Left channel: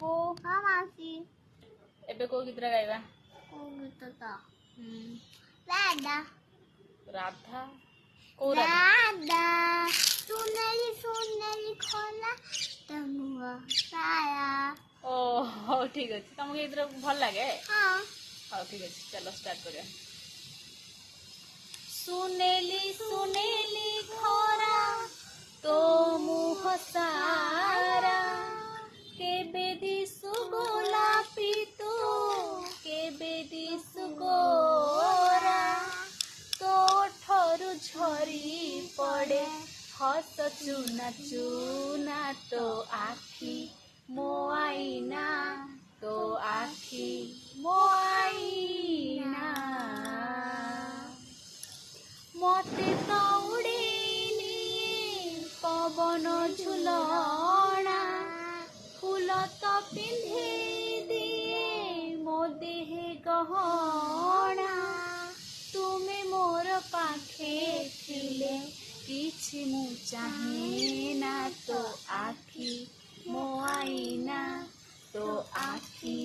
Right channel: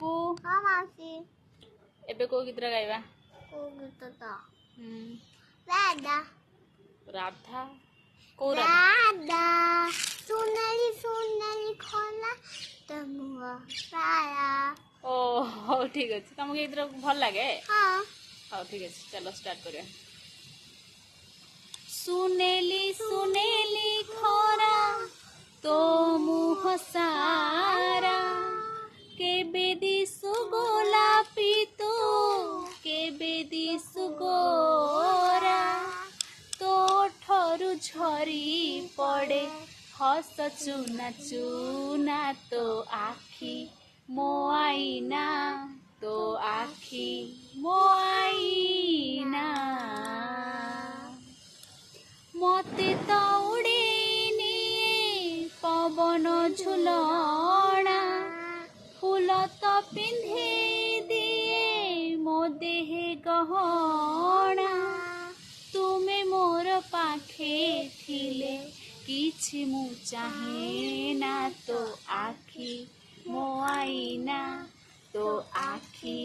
चिकू हाँ मासी एबे को गीत गाइबा को गीत तो राधा राधा को राधा सुनली सुनली खोला तमुआ साया ओ ठीक अच्छे तुमको गीत भल लगे हाँ हाँ ठीक है चलो स्टार्ट करें सुनेली सुनेली खोरा तो मुह सारा के बेदी सुगोलापी तो के बेदी सुगोरा तो ठरू झरी पड़े हस चुना चुना तो आखी मो आईना तो आखी मो आईना मते तो उड़ेनी पवन झुलना फूल तो पिंधे दिए मो देहे गहना तुमे मोर पाखे थिले किछि मु चाहे ना तो आखी मो आईना तो आखी